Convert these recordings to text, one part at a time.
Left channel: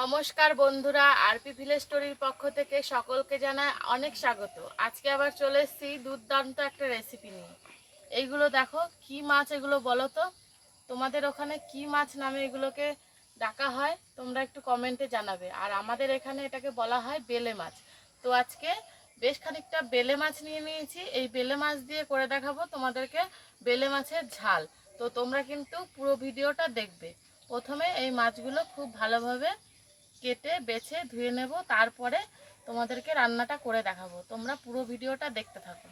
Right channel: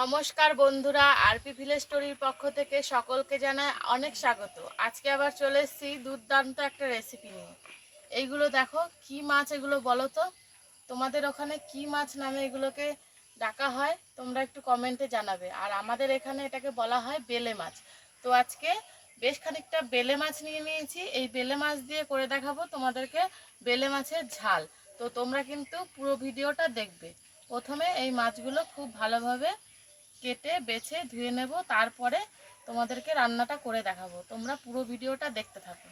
নমস্কার বন্ধুরা, RP village স্টোরির পক্ষ থেকে সকলকে জানাই অনেক স্বাগত। আজকে আবার চলে এসেছি দুর্দান্ত একটা রেসিপি নিয়ে। এইগুলো দেখো কি মাছ, এগুলো বলো তো তোমাদের ওখানে কি মাছ নামে এগুলোকে ডাকা হয়, তোমরা একটু কমেন্টে জানাবে। আর আমাদের এখানে এটাকে বলা হয় বেলে মাছ। তো আজকে বেশ খানিকটা বেলে মাছ নিয়ে নিয়েছি। এই বেলে মাছ দিয়ে করে দেখাবো তোমাদেরকে বেলে মাছের ঝাল। তো তোমরা কিন্তু পুরো ভিডিওটা দেখবে। প্রথমে এই মাছগুলো খুব ভালোভাবে কেটে বেছে ধুয়ে নেব, তারপরে তোমাদেরকে রান্নাটা করে দেখাবো। তোমরা পুরো ভিডিওটা দেখতে থাকো।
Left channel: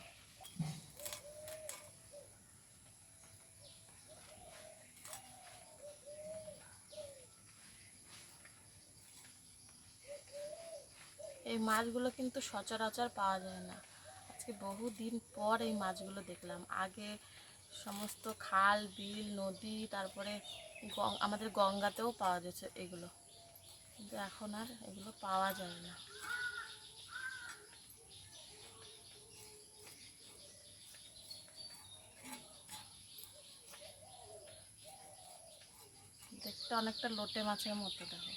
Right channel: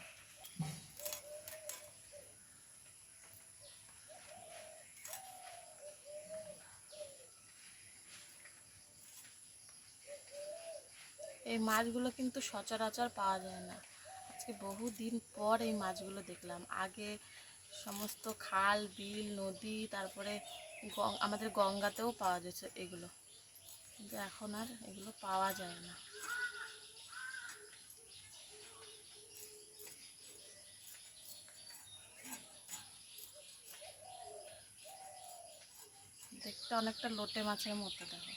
এই মাছগুলো কিন্তু সচরাচর পাওয়া যায় না। আজকে বহুদিন পর এই মাছগুলো দেখলাম। আগে সমস্ত খাল বিল নদী, তারপরে আমাদের গঙ্গাতেও পাওয়া যেত এগুলো, কিন্তু এখন আর এগুলো পাওয়া যায় না। দেখতে অনেকটা লোটে মাছের মতো দেখো।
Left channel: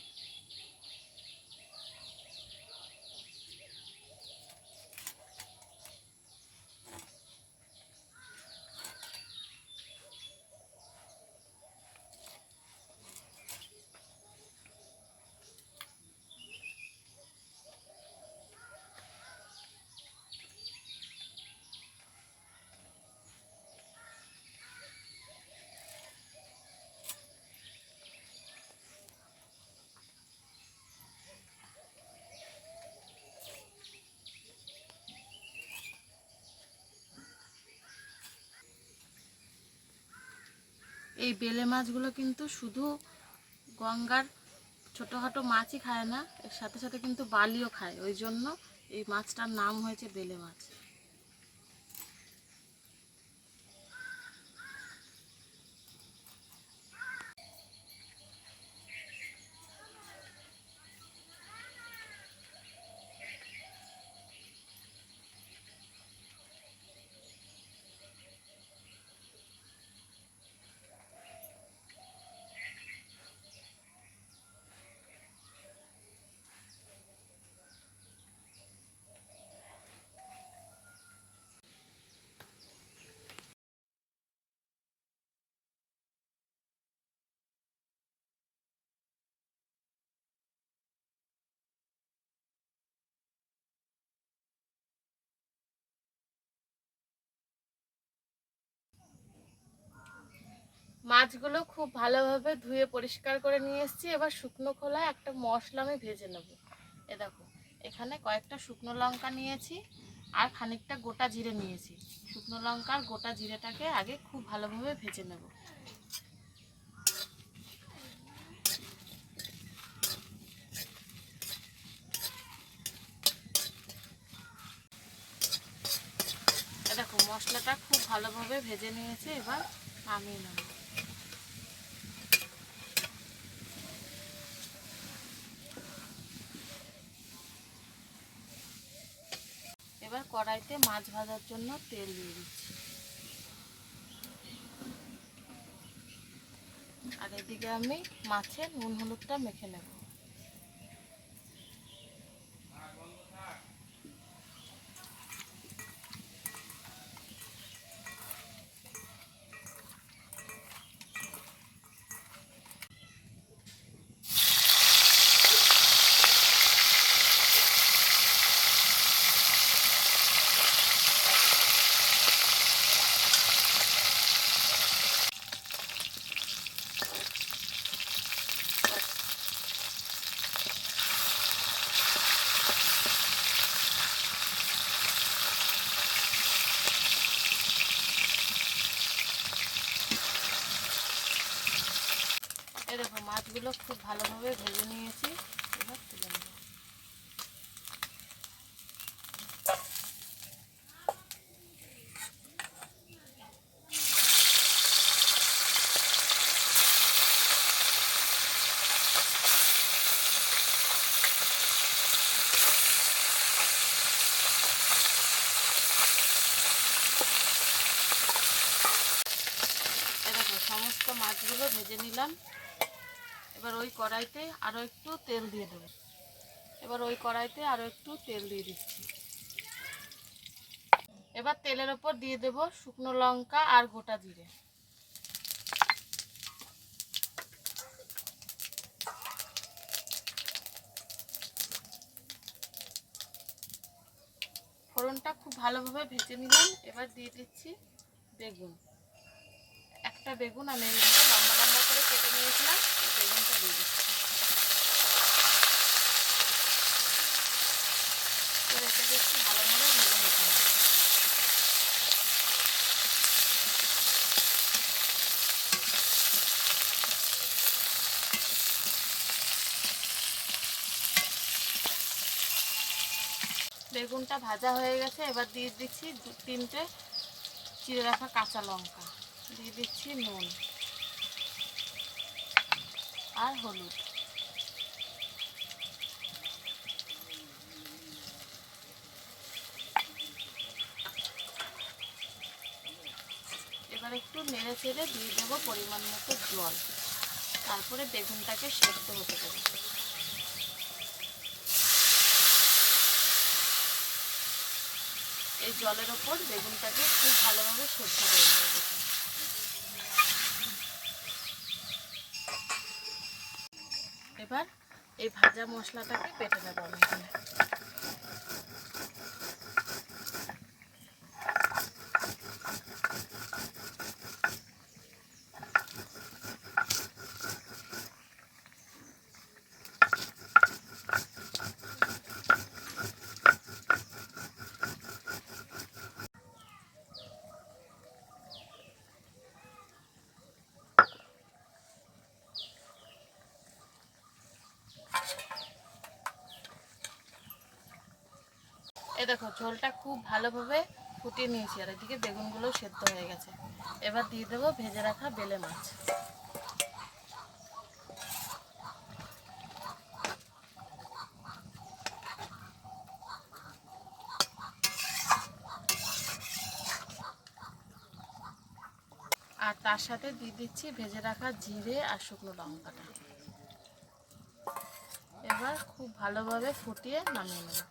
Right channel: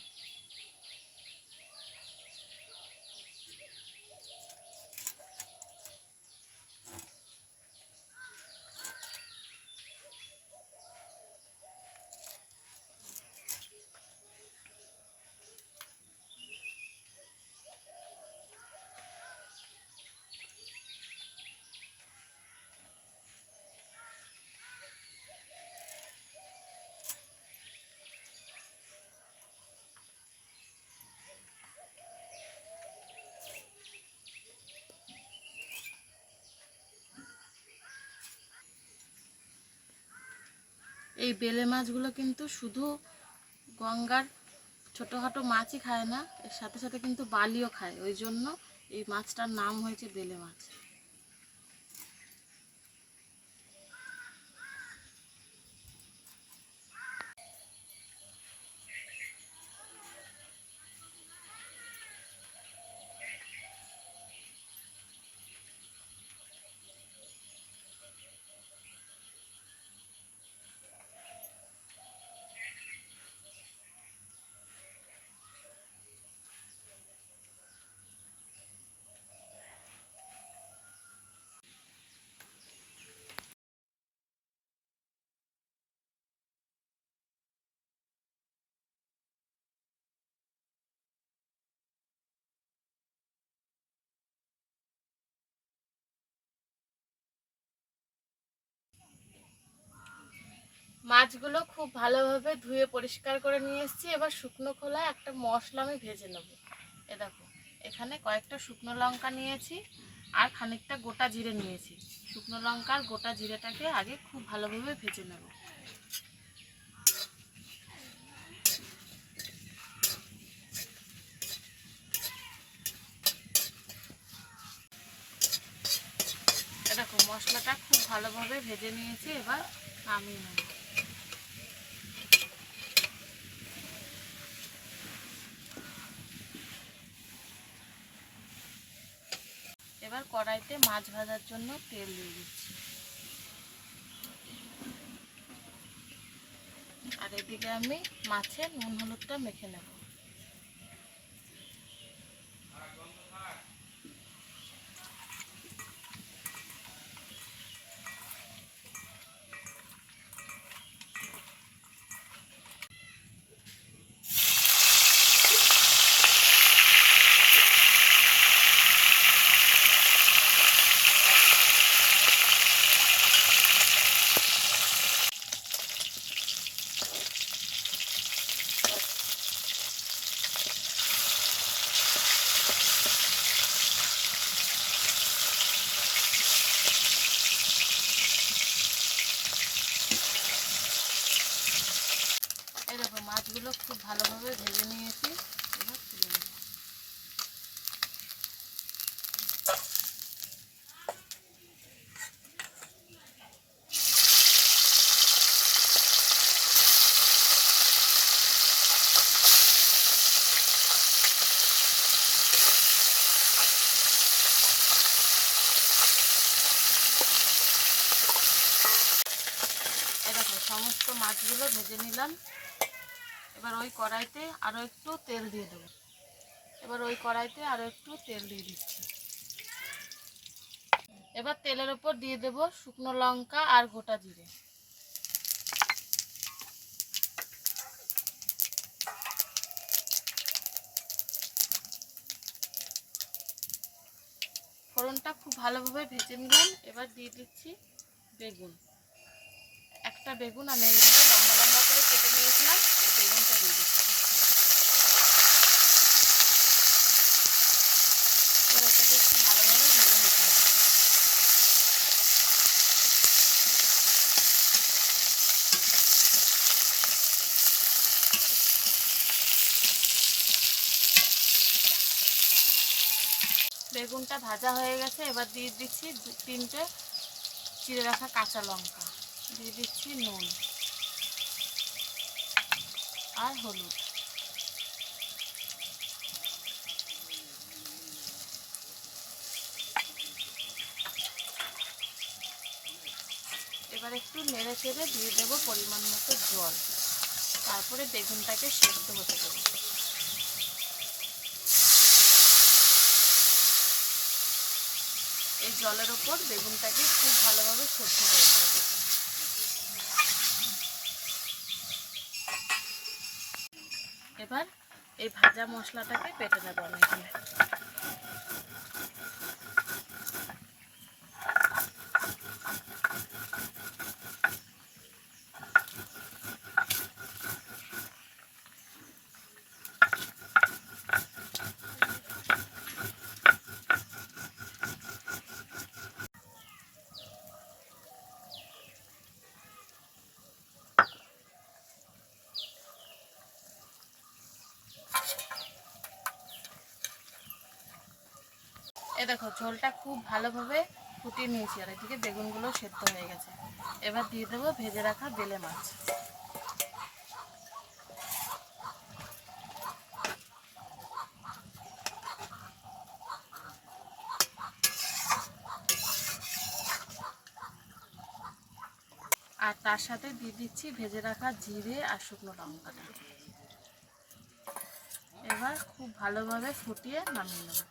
এই বেলে মাছগুলো কিন্তু শুধু গঙ্গার ছোটোখাটো মাছই খায় না, এর সাথে সাথে কিন্তু বালিও খায়। ওই জন্য এই মাছটার নাম হয়েছে বেলে মাছ। মাছগুলো খুব ভালোভাবে ধুয়ে পরিষ্কার করে নিয়ে এসেছি। এবার শুকনো খোলায় একটা মশলা আমি ভেজে নেব। এ দেখো, এখানে কয়েকটা শুকনো লঙ্কা নিয়েছি আর খানিকটা গোটা জিরে নিয়েছি। শুকনো লঙ্কার গোটা জিরেটাকে আগে খুব ভালোভাবে ভেজে নেব। এ দেখো, মশলাটা খুব ভালোভাবে ভেজে নিয়েছি, এবার নামিয়ে নেব। এবার কড়াইতে মাছ ভাজার জন্য তেল দিয়ে দিচ্ছি। আর এদিকে আমি মাছের নুন হলুদটা মেখে নেব। এই দেখো, মাছগুলো খুব ভালোভাবে ভেজে নিয়েছি, এবার তুলে নেব। এই দেখো, সমস্ত মাছগুলো ভেজে নিলাম। এবার ওই কড়াইতে আরও একটু তেল দিয়ে দেবো। দিচ্ছি। এবার তেলের উপর দিয়ে দেব শুকনো লঙ্কা আর গোটা জিরে। ফোড়নটা খুব ভালোভাবে ভেজে নিলাম। এবার দিয়ে দিচ্ছি বেগুন। একটা বেগুন আমি এইভাবে লম্বা লম্বা করে কেটে নিয়েছিলাম, বেগুনটা দিয়ে দিচ্ছি। এটাকে একটু ভালোভাবে ভেজে নিতে হবে। বেগুনটা ভাজা হয়ে গেছে। এবার দিয়ে দিচ্ছি 3টে চিড়ে রাখা কাঁচা লঙ্কা, দিয়ে দিচ্ছি নুন আর হলুদ। এবার একটু নেড়ে চেড়ে দিয়ে দেবো পরিমাণ মতো জল। তারপরে বেগুনটাকে সেদ্ধ হতে দেবো। এই জলের ওপর বেগুনটাকে খুব ভালোভাবে সেদ্ধ করে নেবো। এবার এই ভাজা মশলাটাকে বেটে নেবো আমি এখানে। দেখো ঝোলটা খুব ভালোভাবে ফুটিয়ে নিয়েছি, আর এদিকে বেগুনগুলো সেদ্ধ হয়ে গেছে। এবার দিয়ে দেবো ভেজে রাখা বেলে মাছ। আর তার সাথে দিয়ে দিচ্ছি ভেজে রাখা জিরে আর শুকনো লঙ্কাটা। এবার খুব ভালোভাবে ফুটিয়ে নামিয়ে নেব।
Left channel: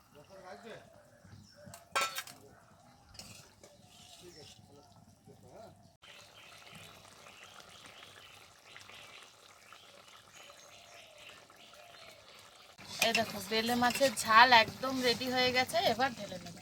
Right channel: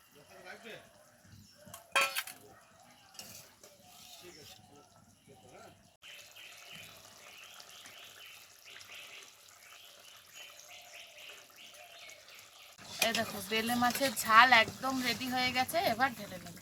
দেখো বেলে মাছের ঝাল একদম রেডি হয়ে গেছে। এবার ঢেলে নেব।